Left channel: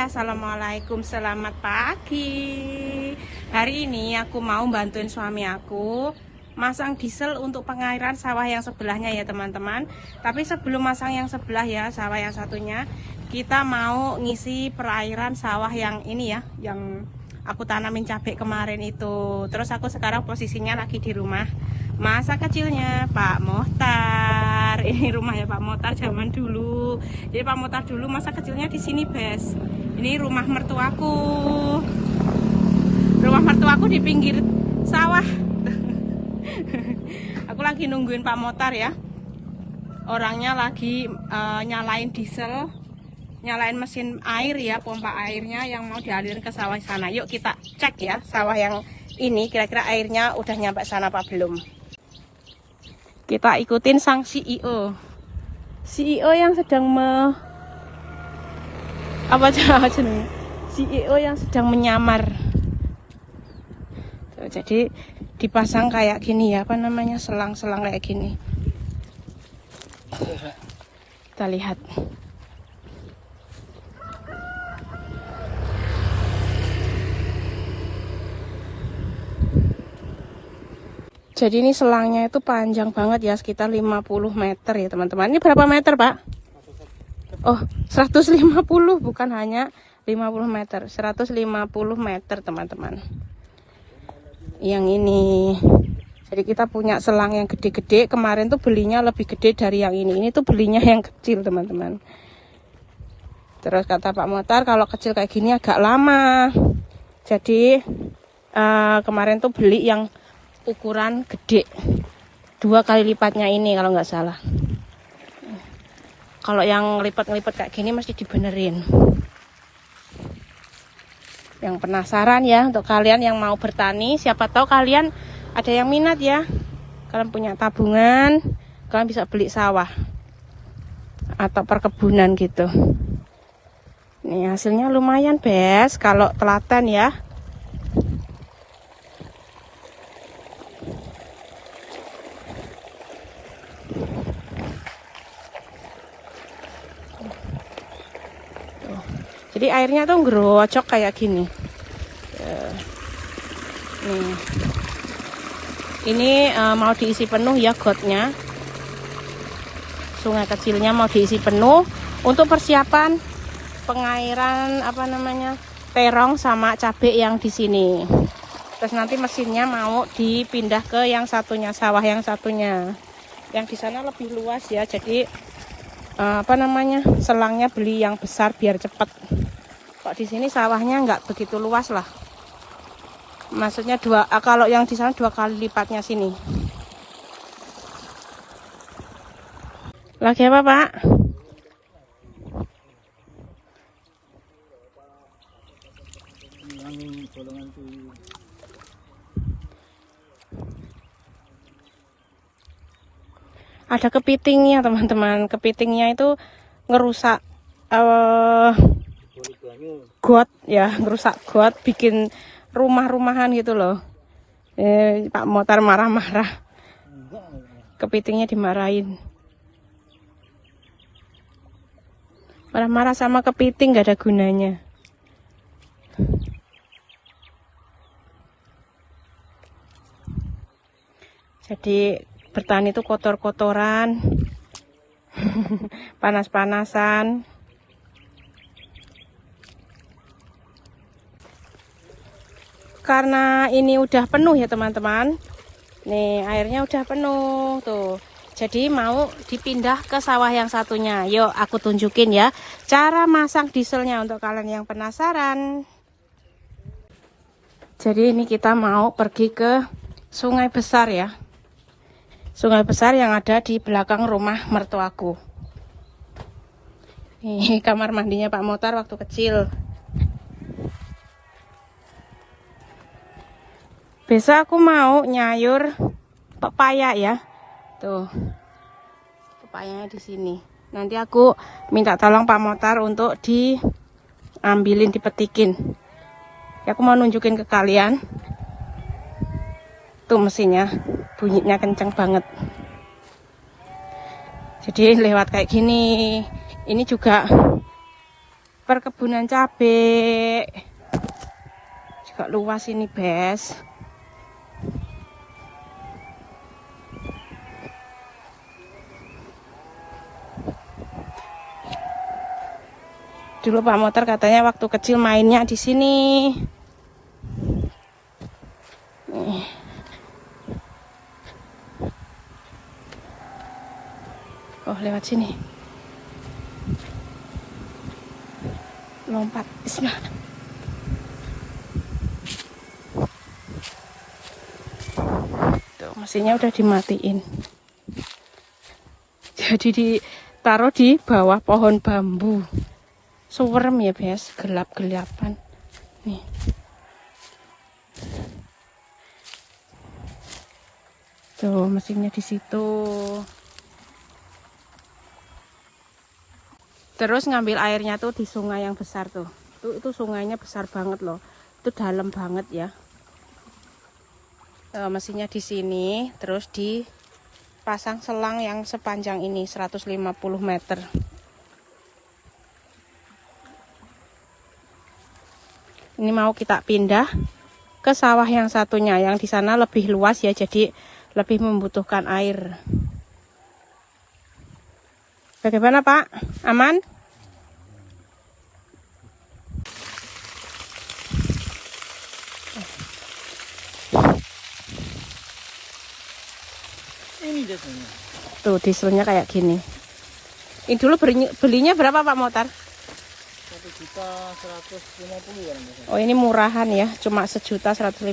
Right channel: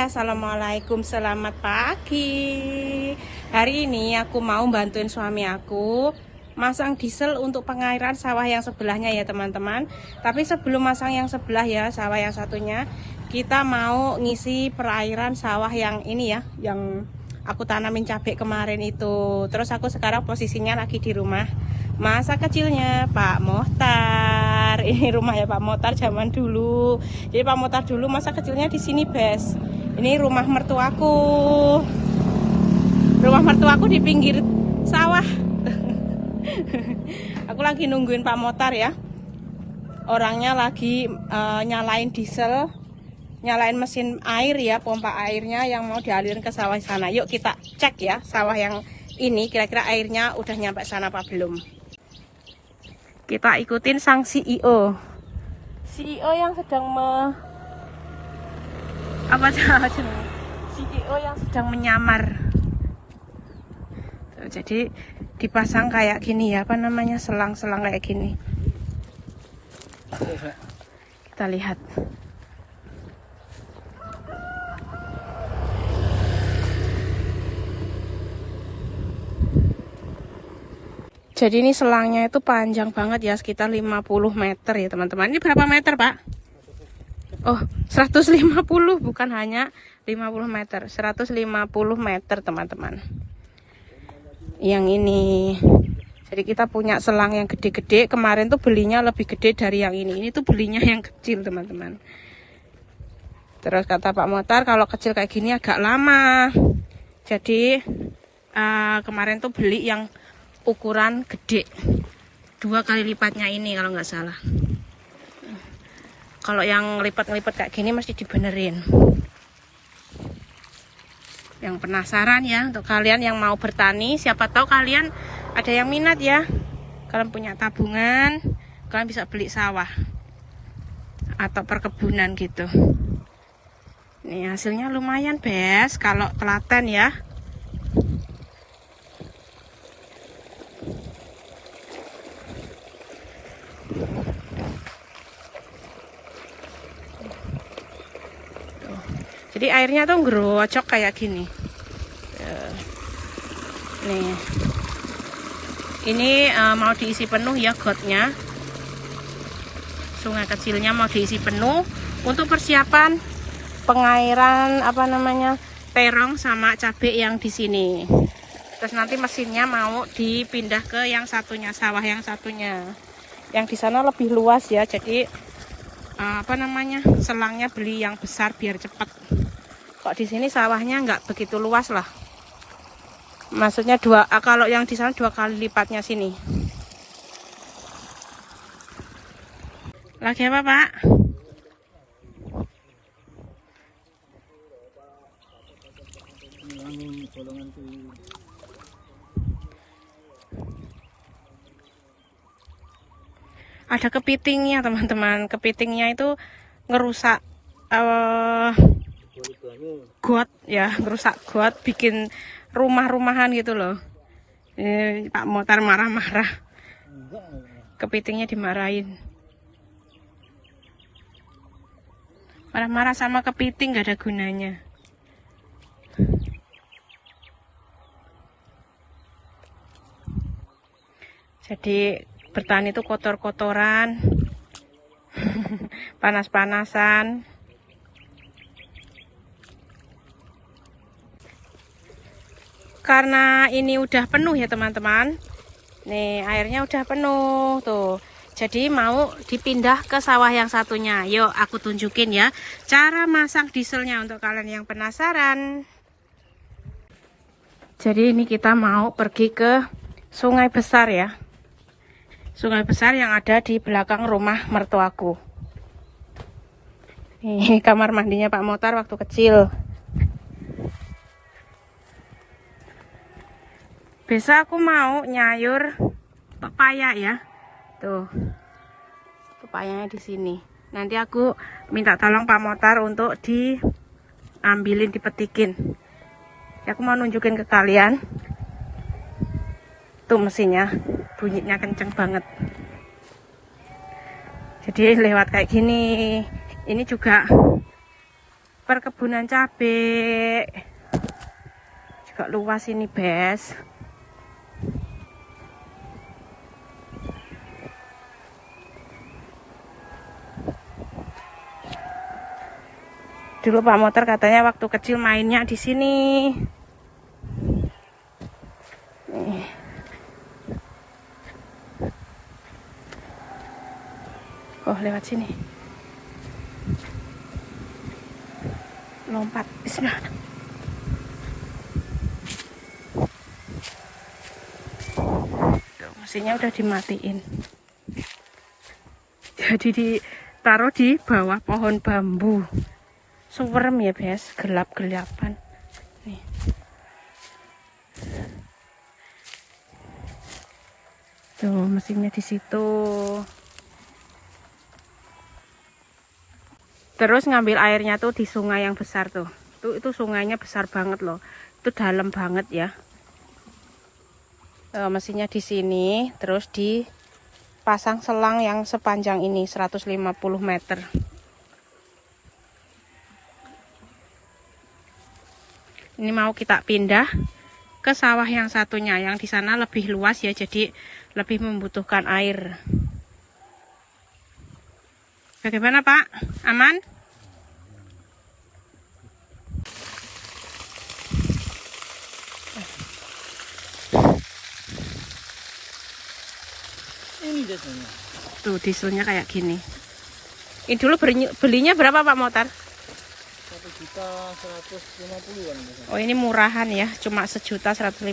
Assalamualaikum, selamat pagi. Hari ini aku mau bantuin suami aku masang diesel untuk pengairan sawah yang sebelahnya ya teman-teman. Tapi sebelum masang yang sebelah ya, sawah yang satunya, kita mau ngisi perairan sawah yang ini ya, yang aku tanamin cabai kemarin itu. Terus aku sekarang posisinya lagi di rumah masa kecilnya Pak Mohtar. Ini rumah ya Pak Mohtar zaman dulu. Jadi Pak Mohtar dulu masa kecilnya di sini, Bes. Ini rumah mertuaku. Rumah mertuaku di pinggir sawah. Aku lagi nungguin Pak Mohtar ya. Orangnya lagi nyalain diesel, nyalain mesin air ya, pompa airnya yang mau dialirin ke sawah sana. Yuk kita cek ya sawah yang ini kira-kira airnya udah nyampe sana apa belum. Kita ikutin sang CEO yang sedang CEO yang sedang menyamar. Jadi dipasang kayak gini ya, apa namanya, selang-selang kayak gini. Kita lihat. Jadi ini selangnya itu panjang banget ya, sekitar 50 meter ya teman-teman. Ini berapa meter Pak? Oh 150, bukan hanya 50 meter, 150 meter teman-teman. Yang ini. Jadi kita punya selang yang gede-gede. Kemarin tuh belinya lebih gede dari yang ini. Ini tuh belinya yang kecil teman-teman. Terus kata Pak Mohtar kalau kecil kayak gini agak lama. Jadi kemarin tuh beli yang ukuran gede, 2 kali lipatnya ini kalau nggak salah. Kalau yang lipat-lipat kayak gini masih dibenerin. Yang penasaran ya, untuk kalian yang mau bertani, siapa tahu kalian ada yang minat ya, kalian punya tabungan, kalian bisa beli sawah atau perkebunan gitu. Nih hasilnya lumayan Bes, kalau telaten ya. Jadi airnya tuh ngerocok kayak gini. Nih. Ini mau diisi penuh ya gotnya. Sungai kecilnya mau diisi penuh untuk persiapan pengairan apa namanya, terong sama cabai yang di sini. Terus nanti mesinnya mau dipindah ke yang satunya, sawah yang satunya. Yang di sana lebih luas ya. Jadi apa namanya, selangnya beli yang besar biar cepet. Kok di sini sawahnya nggak begitu luas lah. Maksudnya kalau yang di sana 2 kali lipatnya sini. Lagi apa Pak? Ada kepitingnya teman-teman. Kepitingnya itu ngerusak got ya, ngerusak got, bikin rumah-rumahan gitu loh. Pak Mohtar marah-marah. Kepitingnya dimarahin. Marah-marah sama kepiting gak ada gunanya. Jadi bertani itu kotor-kotoran, panas-panasan. Karena ini udah penuh ya teman-teman. Nih airnya udah penuh tuh. Jadi mau dipindah ke sawah yang satunya. Yuk aku tunjukin ya cara masang dieselnya untuk kalian yang penasaran. Jadi ini kita mau pergi ke sungai besar ya. Sungai besar yang ada di belakang rumah mertuaku. Ini kamar mandinya Pak Mohtar waktu kecil. Besok aku mau nyayur pepaya ya. Tuh. Pepayanya di sini. Nanti aku minta tolong Pak Mohtar untuk diambilin, dipetikin. Ya, aku mau nunjukin ke kalian. Tuh mesinnya, bunyinya kenceng banget. Jadi lewat kayak gini. Ini juga perkebunan cabai. Juga luas ini, Bes. Dulu Pak Motor katanya waktu kecil mainnya di sini. Oh, lewat sini. Lompat. Bismillah. Tuh, mesinnya udah dimatiin. Jadi ditaruh di bawah pohon bambu. Suwerem ya, Bes, gelap-gelapan. Nih. Tuh, mesinnya di situ. Terus ngambil airnya tuh di sungai yang besar tuh. Itu sungainya besar banget loh. Itu dalam banget ya. Mesinnya di sini, terus dipasang selang yang sepanjang ini 150 meter. Ini mau kita pindah ke sawah yang satunya, yang di sana lebih luas ya, jadi lebih membutuhkan air. Bagaimana Pak? Aman? Ini dieselnya. Tuh dieselnya kayak gini. Ini dulu belinya berapa Pak Motor? 1.150.000 kan. Oh ini murahan ya, cuma 1.150.000.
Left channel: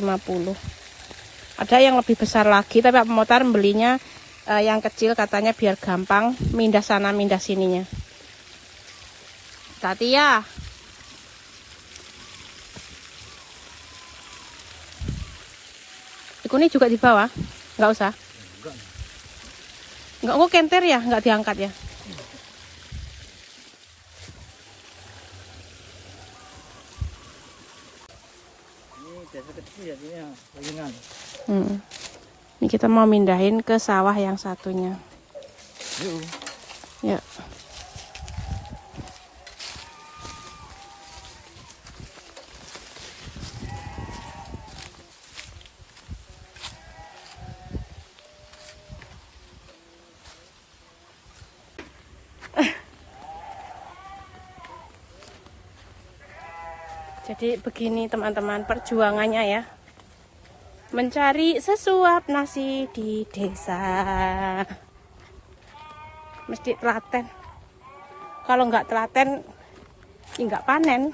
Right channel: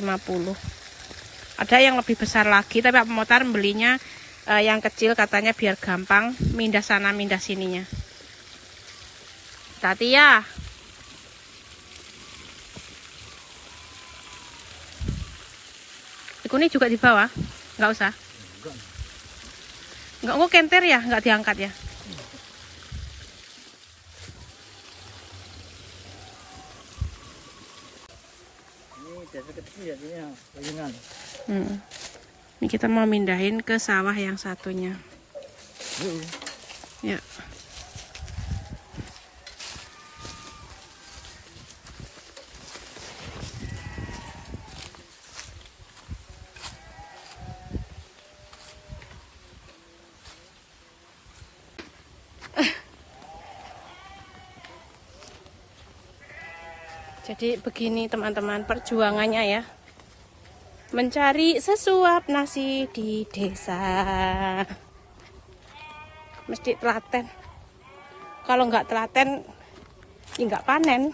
Ada yang lebih besar lagi, tapi Pak Motor belinya yang kecil katanya biar gampang mindah sana mindah sininya. Tati ya. Ini juga di bawah, nggak usah. Nggak kok kenter ya, nggak diangkat ya. Kecil ya, ini ringan. Ini kita mau mindahin ke sawah yang satunya. Yuk. Ya. Jadi begini teman-teman perjuangannya ya. Mencari sesuap nasi di desa. Mesti telaten. Kalau nggak telaten, nggak panen.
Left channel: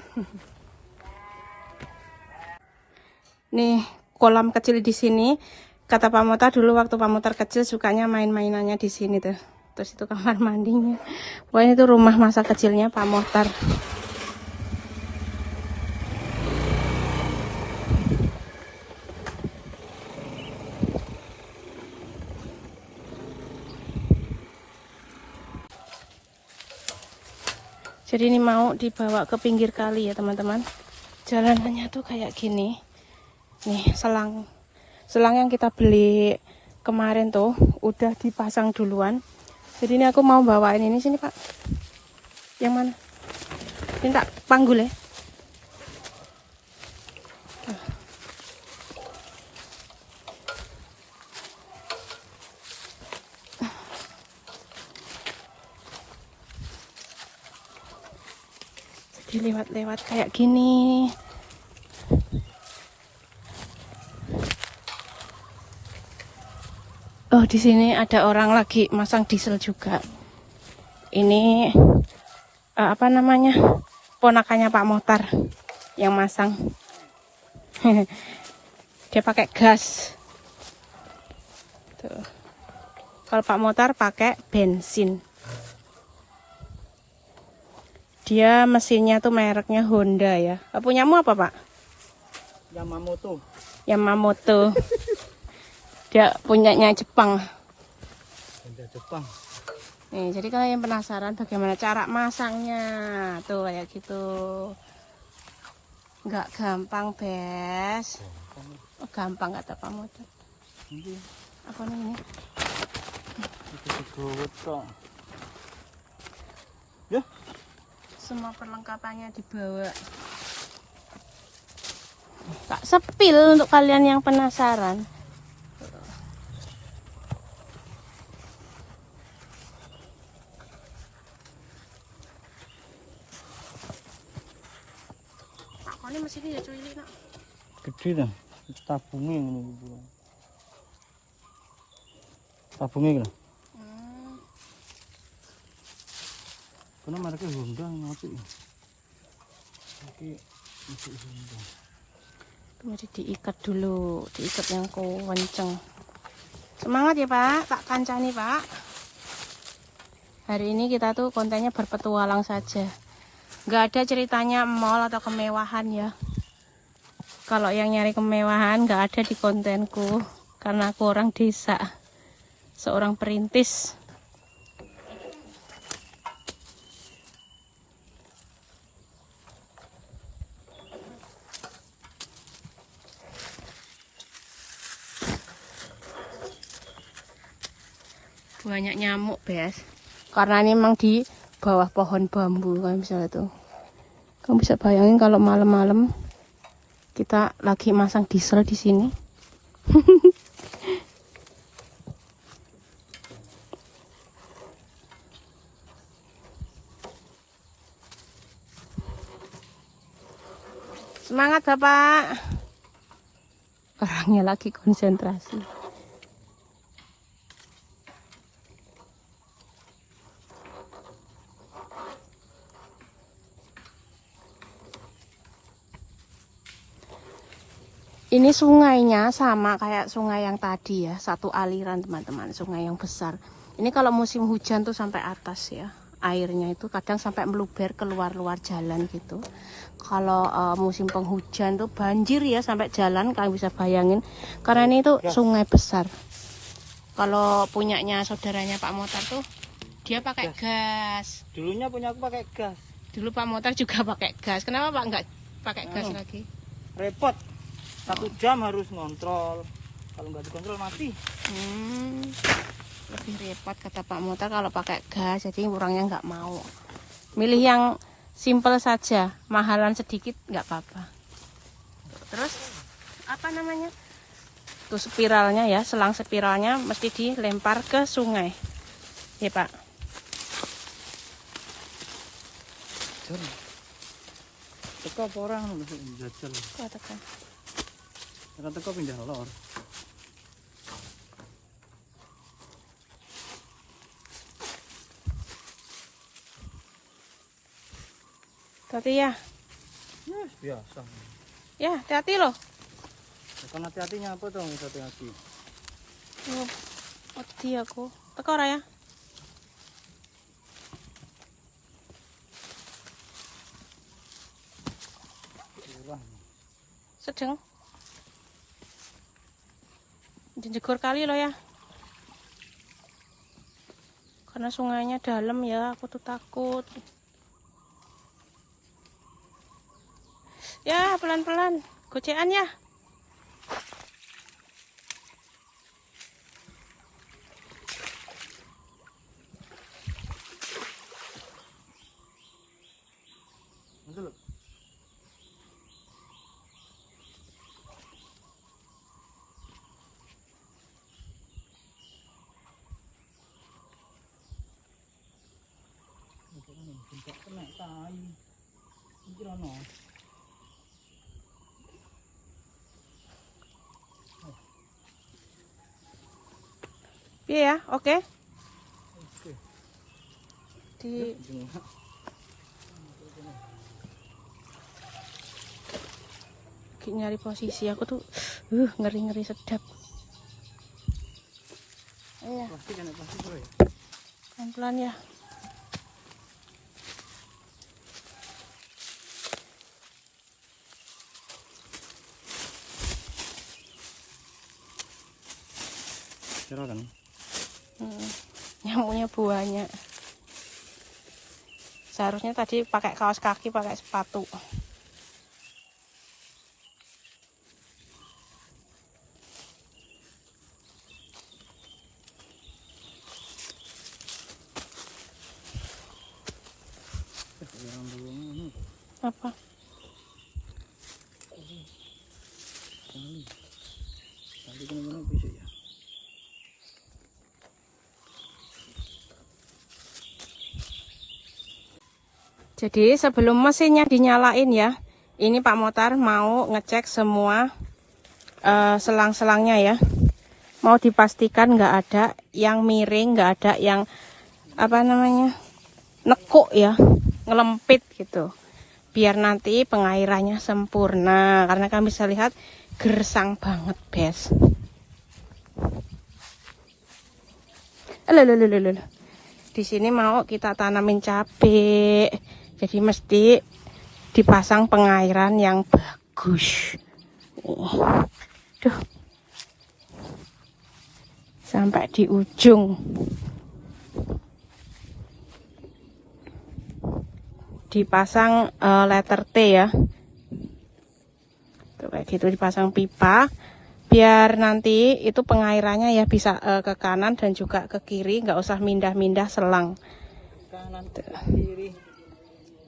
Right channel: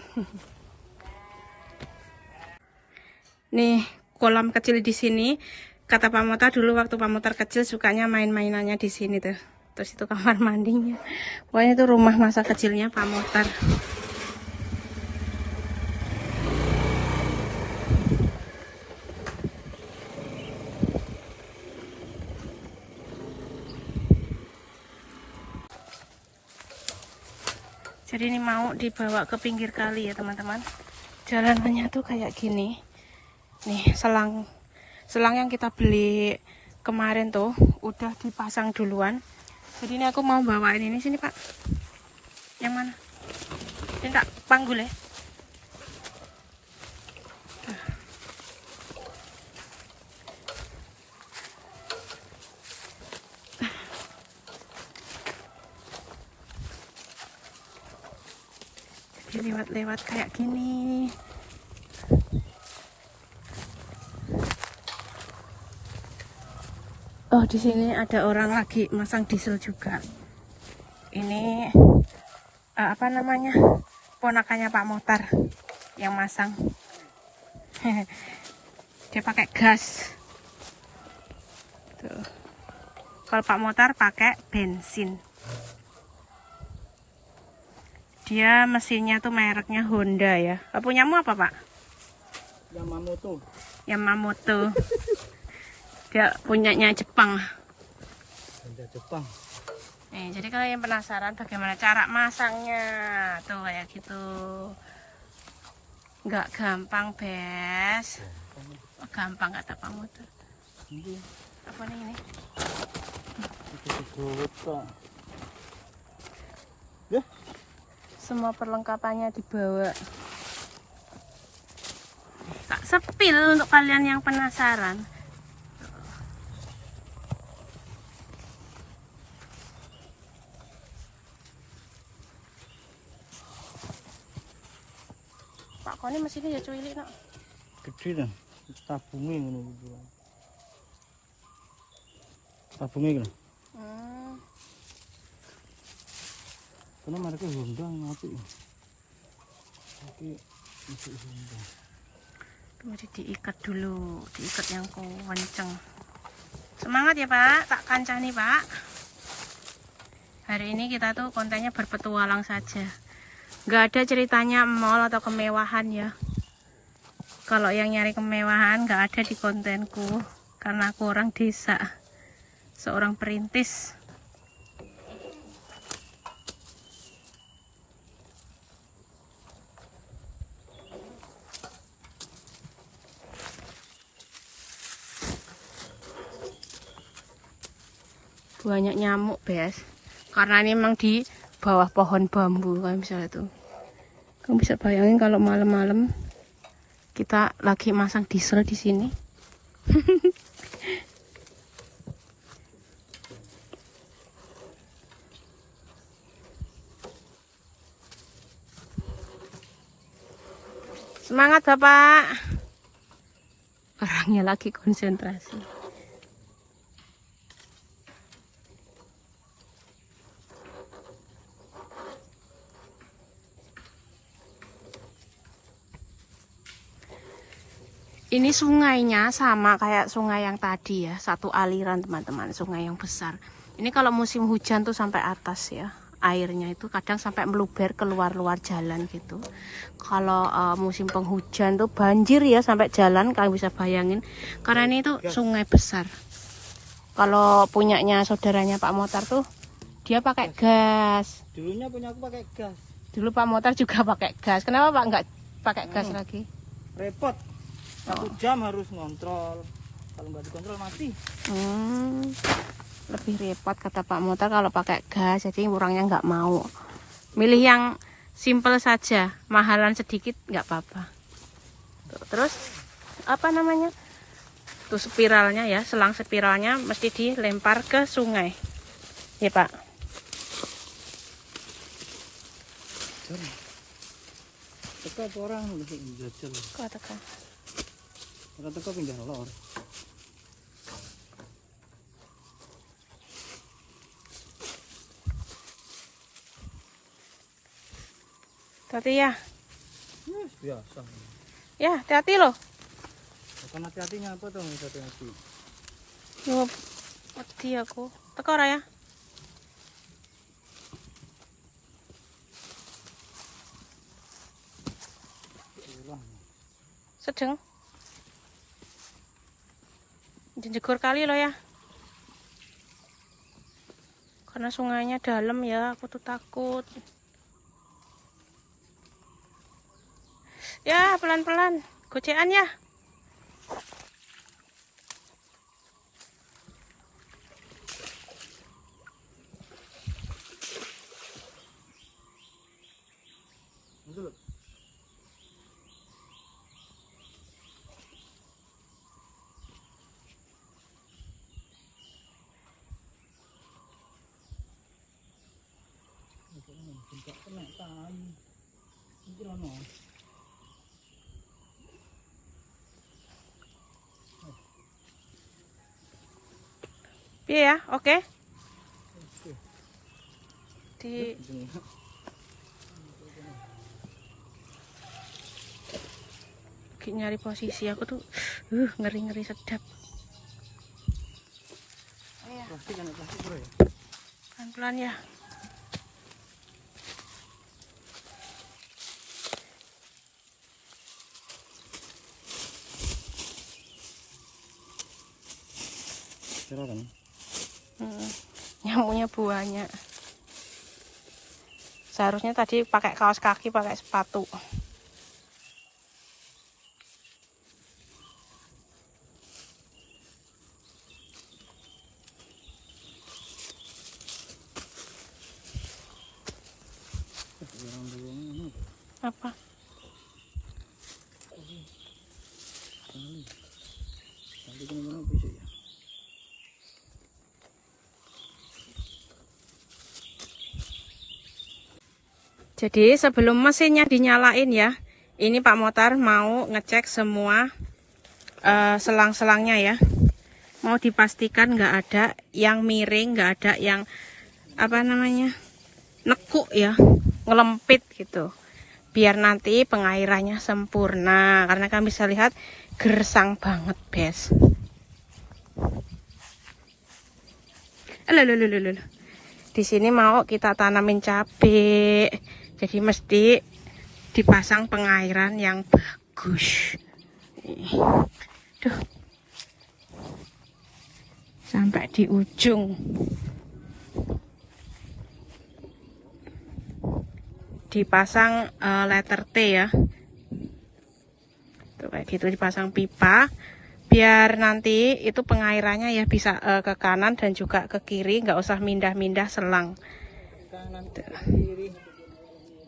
Nih kolam kecil di sini. Kata Pak Motor dulu waktu Pak Motor kecil sukanya main-mainannya di sini tuh. Terus itu kamar mandinya. Wah itu rumah masa kecilnya Pak Motor. Jadi ini mau dibawa ke pinggir kali ya teman-teman. Jalanannya tuh kayak gini. Nih selang yang kita beli kemarin tuh udah dipasang duluan. Jadi ini aku mau bawain ini sini Pak. Yang mana? Ini tak panggul ya. Lewat-lewat kayak gini. Oh, di sini ada orang lagi masang diesel juga. Ini apa namanya? Ponakannya Pak Motor yang masang. Dia pakai gas. Tuh. Kalau Pak Motor pakai bensin. Dia mesinnya tuh mereknya Honda ya. Punyamu apa Pak? Yamamoto. Yamamoto. Dia punyanya Jepang. Honda Jepang. Nih, jadi kalian penasaran bagaimana cara masangnya. Tuh kayak gitu. Nggak gampang, Bes. Oh, gampang kata Pak Motor. Ini Apa ini? itu digowet kok. Ya. Semua perlengkapannya dibawa. Tak sepil untuk kalian yang penasaran. Pak Koni mesinnya ya cuy nak. Gede dah. Tabungnya ini. Tabungnya ini. Karena mereka Honda ngapi. Oke, masuk Honda. Mesti diikat dulu, diikat yang kenceng. Semangat ya Pak, tak kancani Pak. Hari ini kita tuh kontennya berpetualang saja. Nggak ada ceritanya mall atau kemewahan ya. Kalau yang nyari kemewahan nggak ada di kontenku. Karena aku orang desa. Seorang perintis. Banyak nyamuk Bes, karena ini memang di bawah pohon bambu kan bisa itu. Kamu bisa bayangin kalau malam-malam kita lagi masang diesel di sini. Semangat Bapak. Orangnya lagi konsentrasi. Ini sungainya sama kayak sungai yang tadi ya, satu aliran teman-teman, sungai yang besar. Ini kalau musim hujan tuh sampai atas ya, airnya itu kadang sampai meluber keluar-luar jalan gitu. Kalau musim penghujan tuh banjir ya sampai jalan, kalian bisa bayangin. Karena ini tuh sungai besar. Kalau punyanya saudaranya Pak Motar tuh, dia pakai gas. Dulunya punya aku pakai gas. Dulu Pak Motar juga pakai gas. Kenapa Pak nggak pakai gas lagi? Repot. 1 jam harus ngontrol. Kalau nggak dikontrol mati. Lebih repot kata Pak Motar kalau pakai gas, jadi orangnya nggak mau. Milih yang simple saja, mahalan sedikit nggak apa-apa. Terus apa namanya? Tuh spiralnya ya, selang spiralnya mesti dilempar ke sungai. Ya Pak. Teko apa orang jajal. Kok tekan? Karena teko pindah lor. Hati ya. Biasa. Ya, hati-hati loh. Bukan hati-hatinya apa tuh? Hati-hati. Loh, hati aku. Teko ora ya? Sedang. Jegur kali loh ya. Karena sungainya dalam ya, aku tuh takut. Ya, pelan-pelan. Gocean ya. Betul. Kena tai. Iki ono. Piye ya? Oke. Oke. Di nyari posisi aku tuh ngeri-ngeri sedap. Oh ya, Plastik kan plastik bro ya. pelan-pelan ya. Cerah kan? Nyamuknya banyak. Seharusnya tadi pakai kaos kaki, pakai sepatu. Orang dulu Apa? Nanti kemana bisa ya? Jadi sebelum mesinnya dinyalain ya, ini Pak Motar mau ngecek semua selang-selangnya ya. Mau dipastikan nggak ada yang miring, nggak ada yang apa namanya nekuk ya, ngelempit gitu. Biar nanti pengairannya sempurna, karena kami bisa lihat gersang banget, guys. Di sini mau kita tanamin cabai, jadi mesti dipasang pengairan yang bagus. Duh. Sampai di ujung. Dipasang letter T ya. Tuh, kayak gitu dipasang pipa. Biar nanti itu pengairannya ya bisa ke kanan dan juga ke kiri, nggak usah mindah-mindah selang. Kanan ke kiri.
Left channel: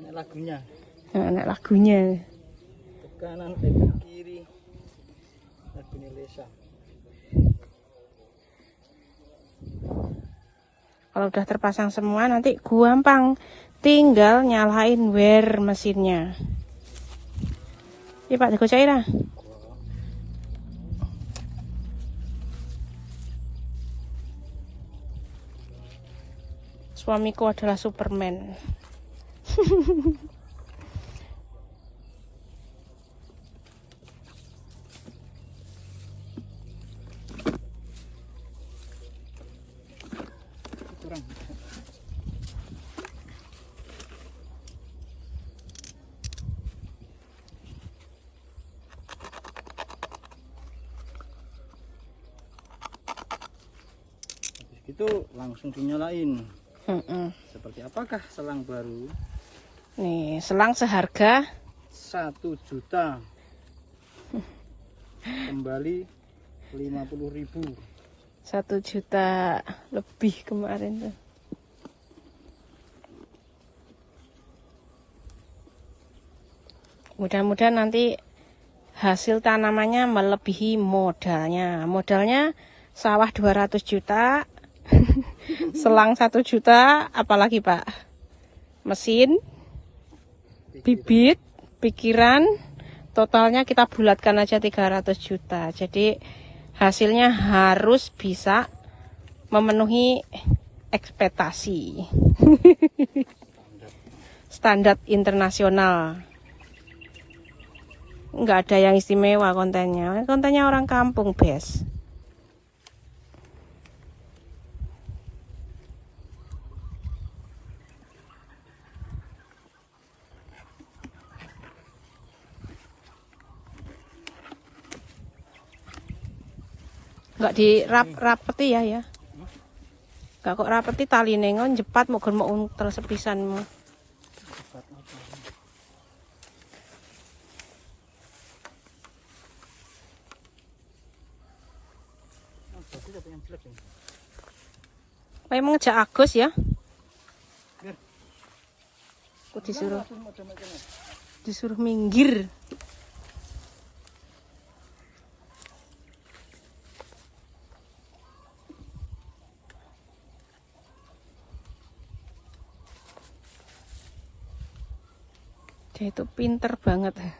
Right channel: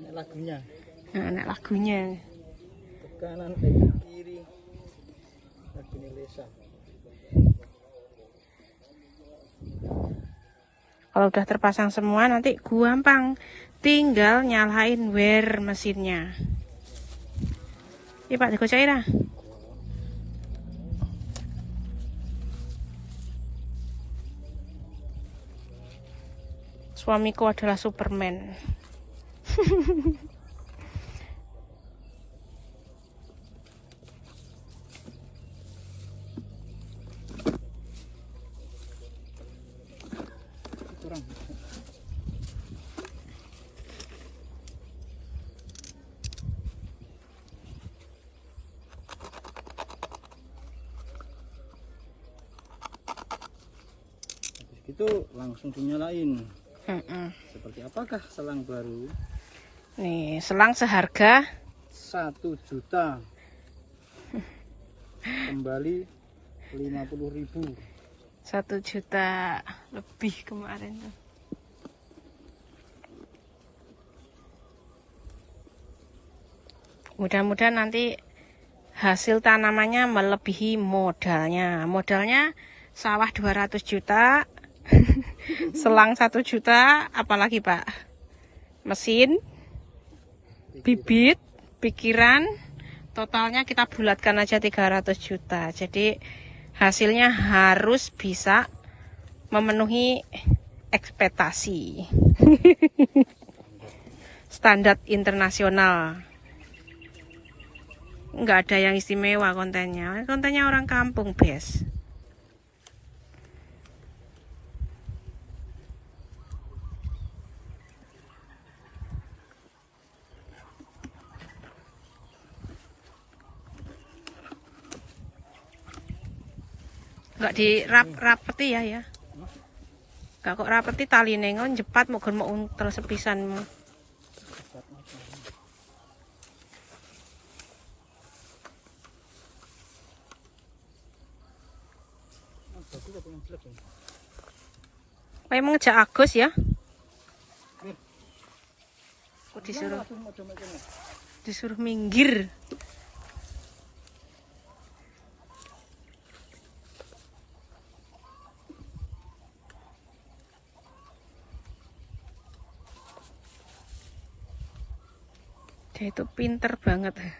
Ini lagunya. Nah, anak lagunya. Ke kanan ke kiri. Lagunya Lesa. Kalau udah terpasang semua nanti gampang, tinggal nyalain wear mesinnya. Iya Pak, dikocai lah. Suamiku adalah Superman. Kurang. Habis itu langsung dinyalain. Seperti apakah selang baru? Nih, selang seharga 1 juta. Kembali 50.000. 1 juta lebih kemarin tuh. Mudah-mudahan nanti hasil tanamannya melebihi modalnya. Modalnya sawah 200 juta, selang 1 juta, apalagi Pak? Mesin, bibit, pikiran, totalnya kita bulatkan aja 300 juta. Jadi hasilnya harus bisa memenuhi ekspektasi. Standar internasional. Nggak ada yang istimewa kontennya. Kontennya orang kampung, Bes. Nggak dirapeti ya. Nggak kok rapeti tali nengon jepat mau untel sepisanmu. Kayak mengejak Agus ya. Aku disuruh minggir. Dia itu pinter banget. Lah.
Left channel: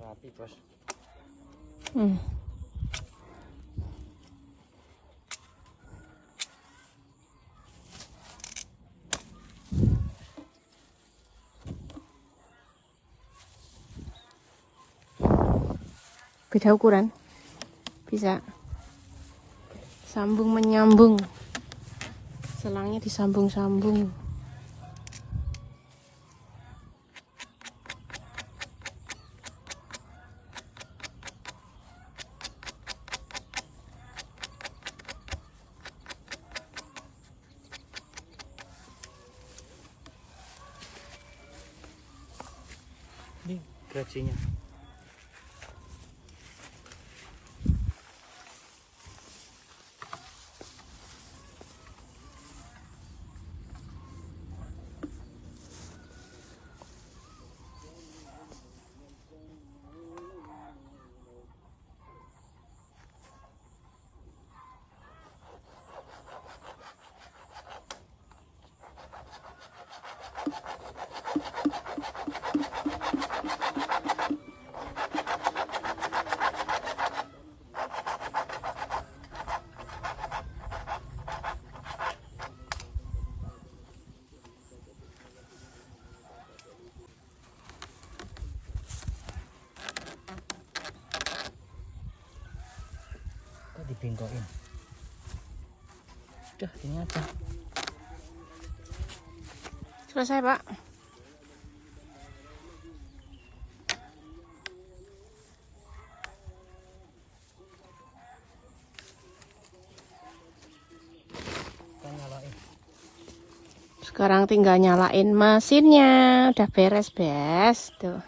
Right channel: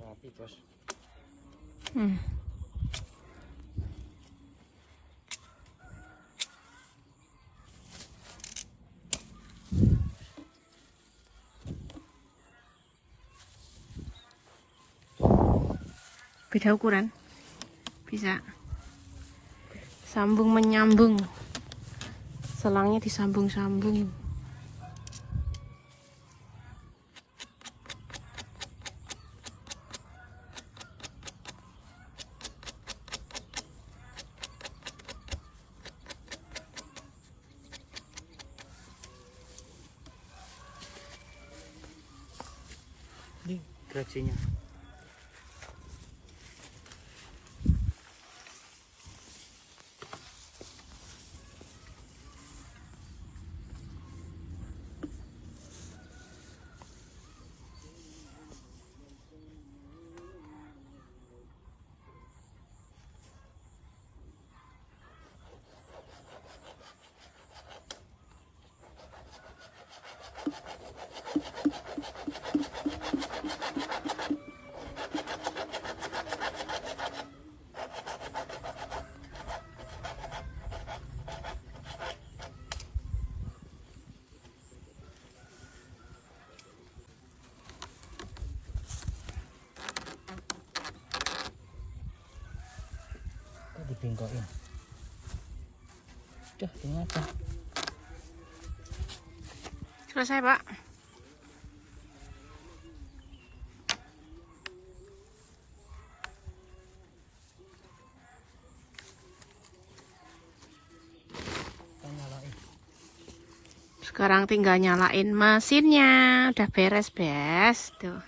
Rapi, Bos. Beda ukuran. Bisa. Sambung menyambung. Selangnya disambung-sambung. gerajinya. Dibengkokin. Udah, ternyata. Selesai, Pak. Kita nyalain. Sekarang tinggal nyalain mesinnya. Udah beres, Bes. Tuh.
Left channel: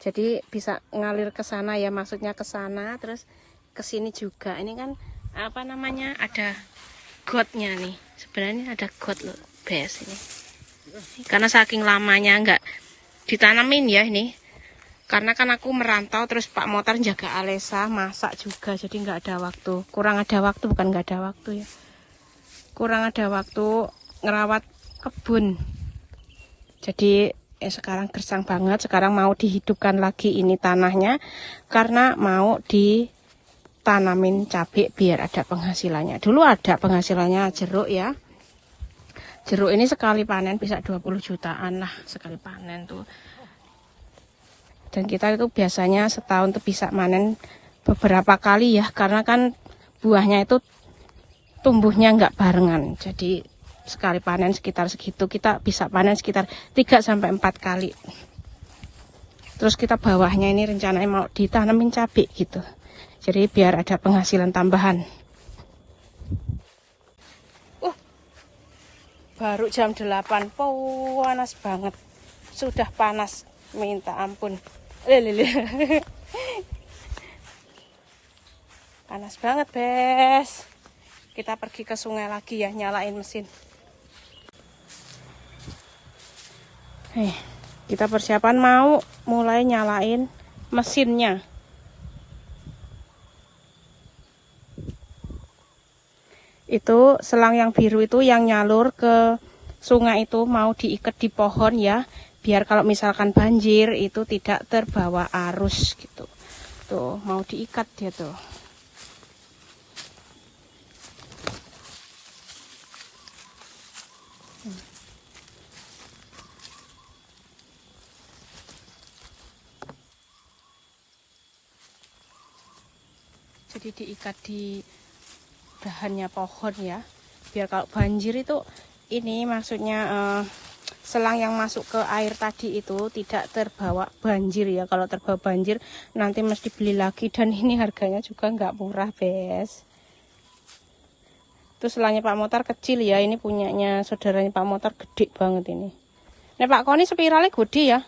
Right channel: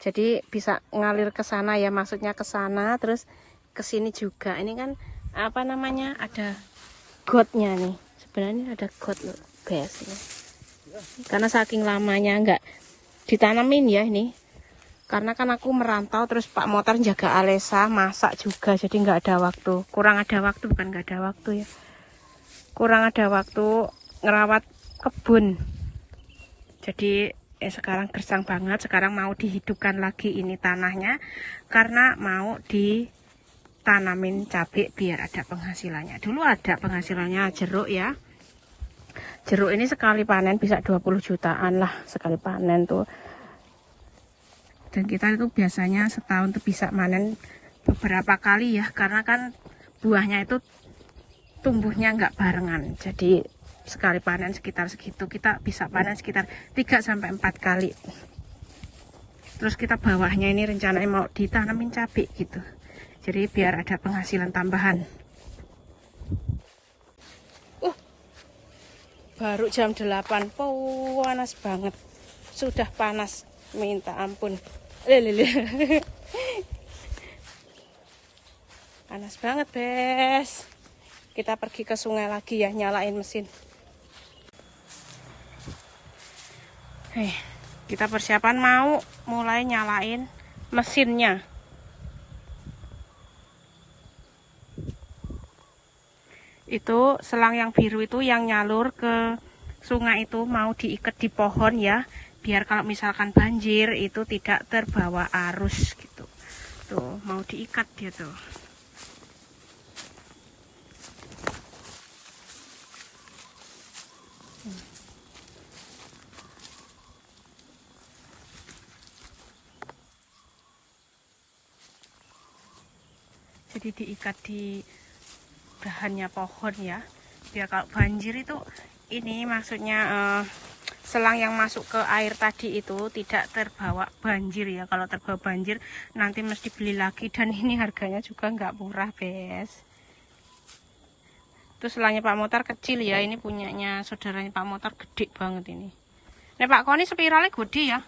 Jadi bisa ngalir ke sana ya, maksudnya ke sana terus ke sini juga. Ini kan apa namanya? Ada gotnya nih. Sebenarnya ada got loh, Bes ini. Karena saking lamanya nggak ditanamin ya ini. Karena kan aku merantau terus Pak Motor jaga Alesa, masak juga, jadi nggak ada waktu. Kurang ada waktu, bukan nggak ada waktu ya. Kurang ada waktu ngerawat kebun. Jadi sekarang gersang banget. Sekarang mau dihidupkan lagi ini tanahnya karena mau ditanamin cabai biar ada penghasilannya. Dulu ada penghasilannya jeruk ya. Jeruk ini sekali panen bisa 20 jutaan lah sekali panen tuh. Dan kita itu biasanya setahun tuh bisa manen beberapa kali ya, karena kan buahnya itu tumbuhnya nggak barengan. Jadi sekali panen sekitar segitu, kita bisa panen sekitar 3-4 kali. Terus kita bawahnya ini rencananya mau ditanamin cabai gitu. Jadi biar ada penghasilan tambahan. Baru jam 8, panas banget. Sudah panas, minta ampun. Panas banget, Bes. Kita pergi ke sungai lagi ya, nyalain mesin. Kita persiapan mau mulai nyalain mesinnya. Itu selang yang biru itu yang nyalur ke sungai itu mau diikat di pohon ya, biar kalau misalkan banjir itu tidak terbawa arus gitu. Tuh mau diikat dia tuh. Jadi diikat di bahannya pohon ya, biar kalau banjir itu ini maksudnya selang yang masuk ke air tadi itu tidak terbawa banjir ya. Kalau terbawa banjir nanti mesti beli lagi, dan ini harganya juga nggak murah, Bes. Itu selangnya Pak Motor kecil ya, ini punyanya saudaranya Pak Motor gede banget ini. Nah Pak Koni spiralnya gede ya.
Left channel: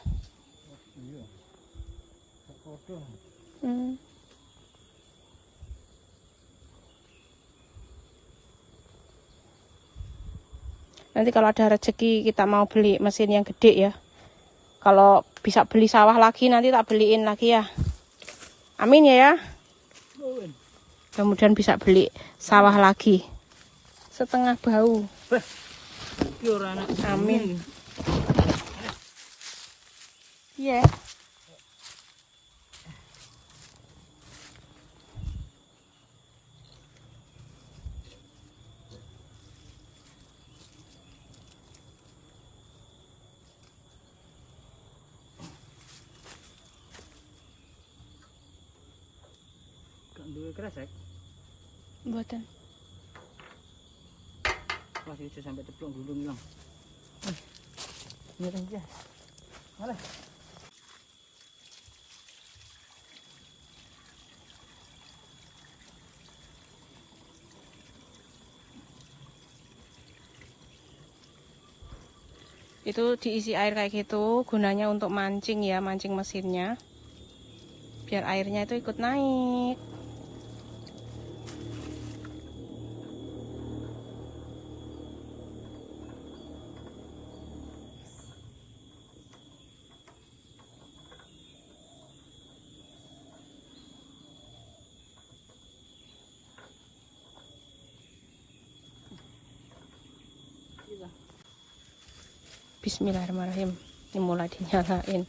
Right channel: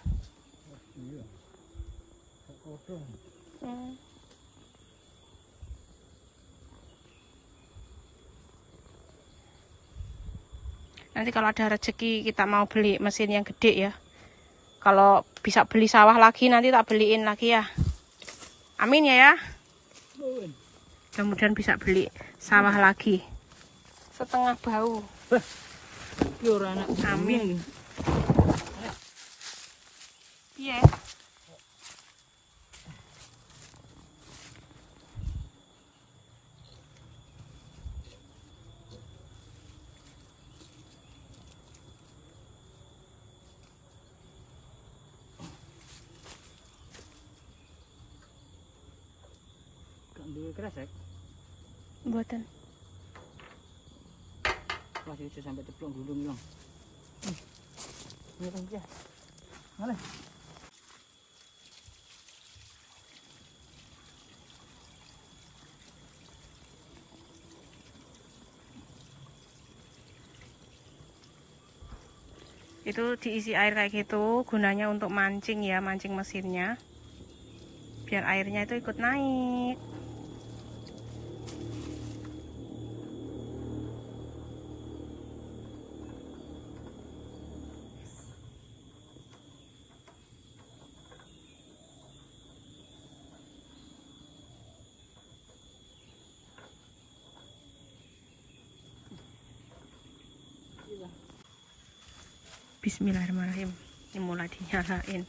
Nanti kalau ada rezeki kita mau beli mesin yang gede ya. Kalau bisa beli sawah lagi nanti tak beliin lagi ya. Amin ya ya. Kemudian bisa beli sawah lagi. Setengah bau. Amin. Iya. Duwe kresek. Buatan. Masih bisa sampai ceplok gulung hilang. Boleh. Itu diisi air kayak gitu, gunanya untuk mancing ya, mancing mesinnya. Biar airnya itu ikut naik. Bismillahirrahmanirrahim. Ini mulai dinyalain.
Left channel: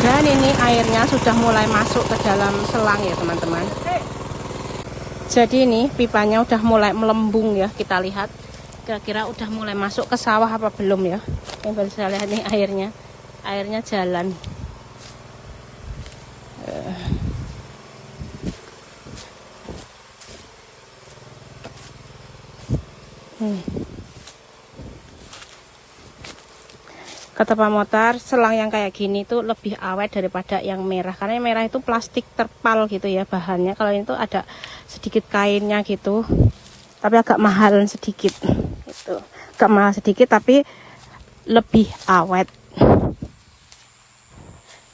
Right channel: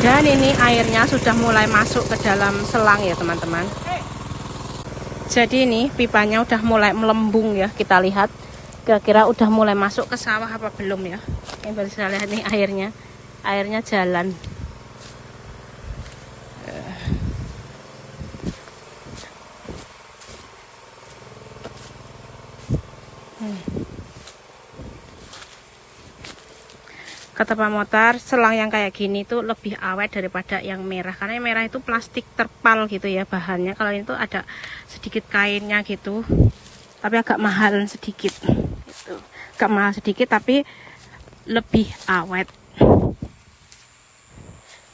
Dan ini airnya sudah mulai masuk ke dalam selang ya teman-teman. Jadi ini pipanya udah mulai melembung ya, kita lihat. Kira-kira udah mulai masuk ke sawah apa belum ya. Yang baru saya lihat nih airnya. Airnya jalan. Kata Pak Motar, selang yang kayak gini tuh lebih awet daripada yang merah. Karena yang merah itu plastik terpal gitu ya bahannya. Kalau ini tuh ada sedikit kainnya gitu. Tapi agak mahal sedikit. Gitu. Agak mahal sedikit tapi lebih awet.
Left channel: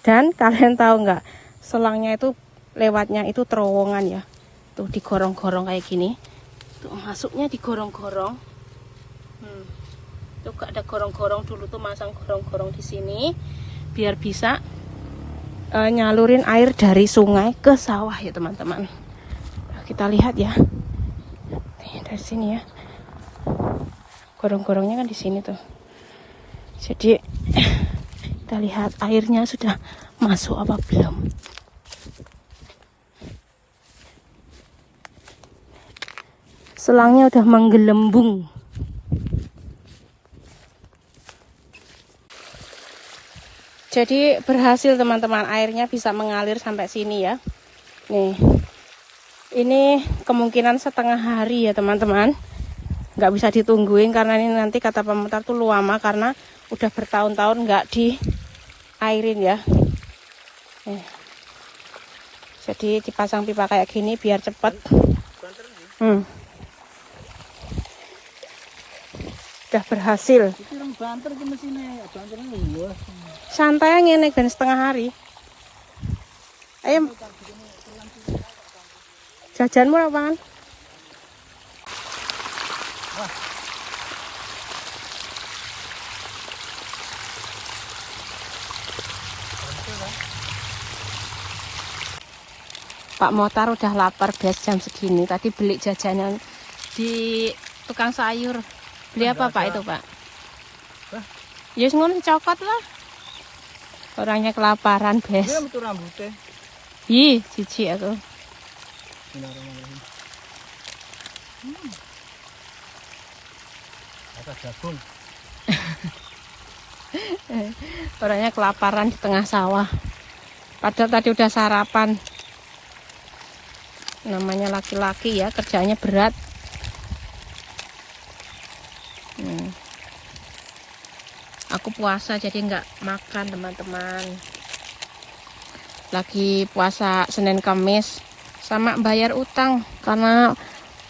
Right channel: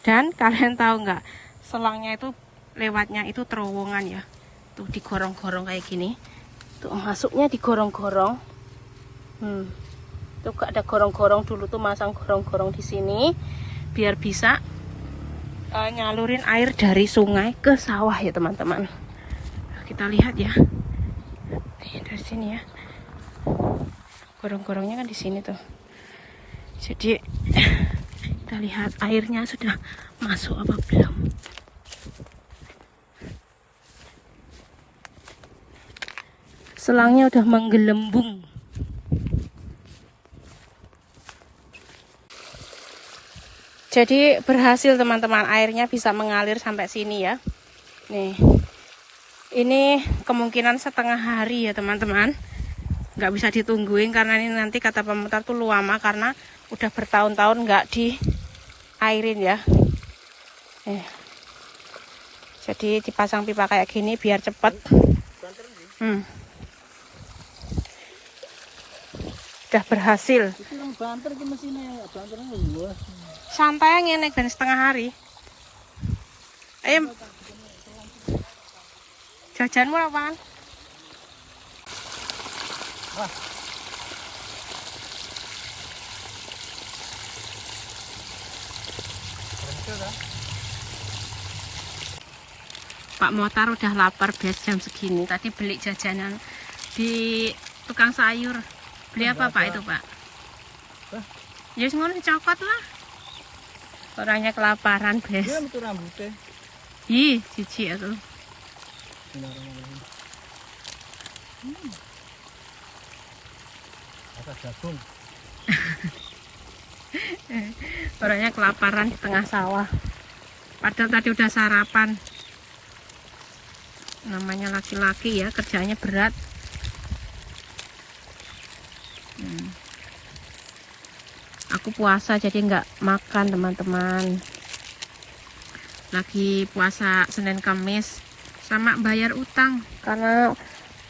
Dan kalian tahu nggak, selangnya itu lewatnya itu terowongan ya. Tuh digorong-gorong kayak gini. Tuh masuknya digorong-gorong. Tuh gak ada gorong-gorong, dulu tuh masang gorong-gorong di sini biar bisa nyalurin air dari sungai ke sawah ya teman-teman. Kita lihat ya. Nih, dari sini ya. Gorong-gorongnya kan di sini tuh. Jadi kita lihat airnya sudah masuk apa belum. Selangnya udah menggelembung. Jadi berhasil teman-teman, airnya bisa mengalir sampai sini ya. Nih, ini kemungkinan setengah hari ya teman-teman. Nggak bisa ditungguin karena ini nanti kata Pak Motar tuh lama karena udah bertahun-tahun nggak diairin ya. Jadi dipasang pipa kayak gini biar cepet. Udah berhasil. Santai ngene ben setengah hari. Ayo. Jajanmu apaan? Wah. Pak Motar udah lapar guys jam segini. Tadi beli jajanan di tukang sayur. Beli apa Pak itu Pak? Ya ngono coklat lah. Orangnya kelaparan guys. Dia metu rambutnya. Ih, cici aku. Ada jagung. Orangnya kelaparan di tengah sawah. Padahal tadi udah sarapan. Namanya laki-laki ya, kerjanya berat. Aku puasa jadi nggak makan teman-teman. Lagi puasa Senin Kamis sama bayar utang karena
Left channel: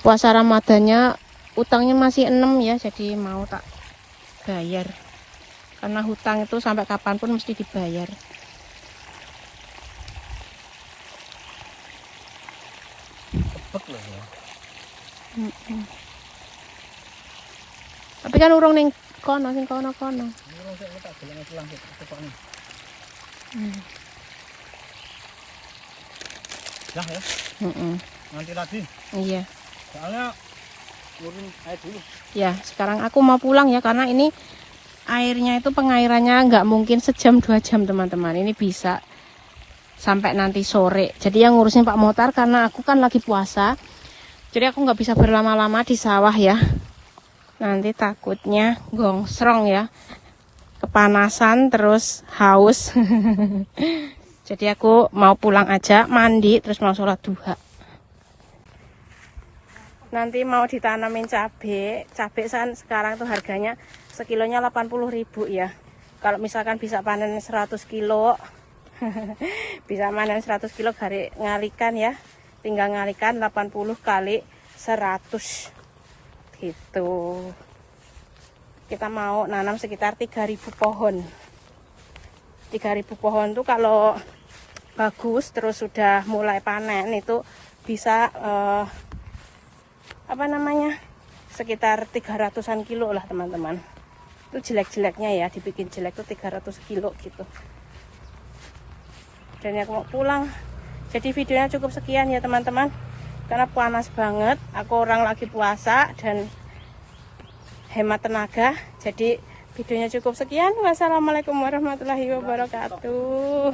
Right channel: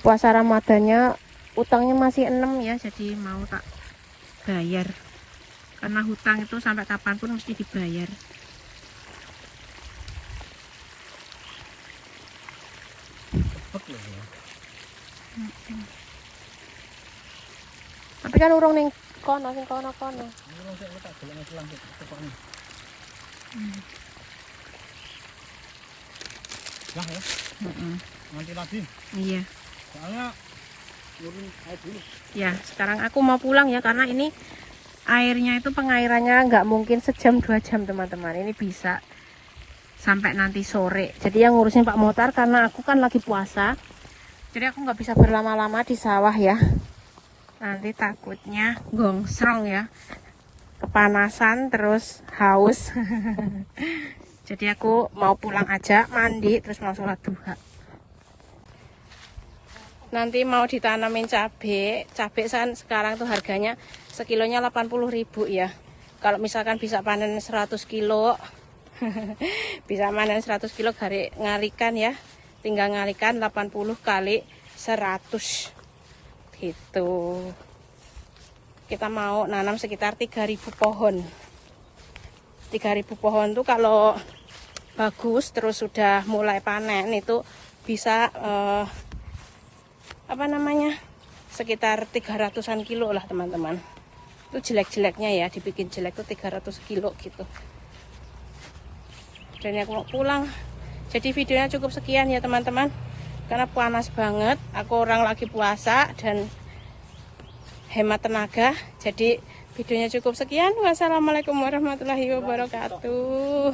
puasa Ramadannya utangnya masih 6 ya, jadi mau tak bayar karena hutang itu sampai kapanpun mesti dibayar. Tapi kan urung ning kono sing kono. Urung sik tak golek pulang sik tekokne. Dah ya. Nanti lagi. Iya. Soalnya turun air dulu. Ya, sekarang aku mau pulang ya karena ini airnya itu pengairannya nggak mungkin sejam 2 jam teman-teman. Ini bisa sampai nanti sore. Jadi yang ngurusin Pak Motar karena aku kan lagi puasa. Jadi aku nggak bisa berlama-lama di sawah ya. Nanti takutnya gongsrong ya. Kepanasan terus haus. Jadi aku mau pulang aja, mandi terus mau sholat duha. Nanti mau ditanamin cabai sekarang tuh harganya sekilonya 80.000 ya. Kalau misalkan bisa panen 100 kilo bisa panen 100 kilo ngalikan ya, tinggal ngalikan 80 kali 100 gitu. Kita mau nanam sekitar 3.000 pohon. 3.000 pohon tuh kalau bagus terus sudah mulai panen itu bisa sekitar 300-an kilo lah teman-teman. Itu jelek-jeleknya ya, dibikin jelek tuh 300 kilo gitu. Dan aku mau pulang. Jadi videonya cukup sekian ya teman-teman, karena panas banget, aku orang lagi puasa dan hemat tenaga. Jadi videonya cukup sekian. Wassalamualaikum warahmatullahi wabarakatuh.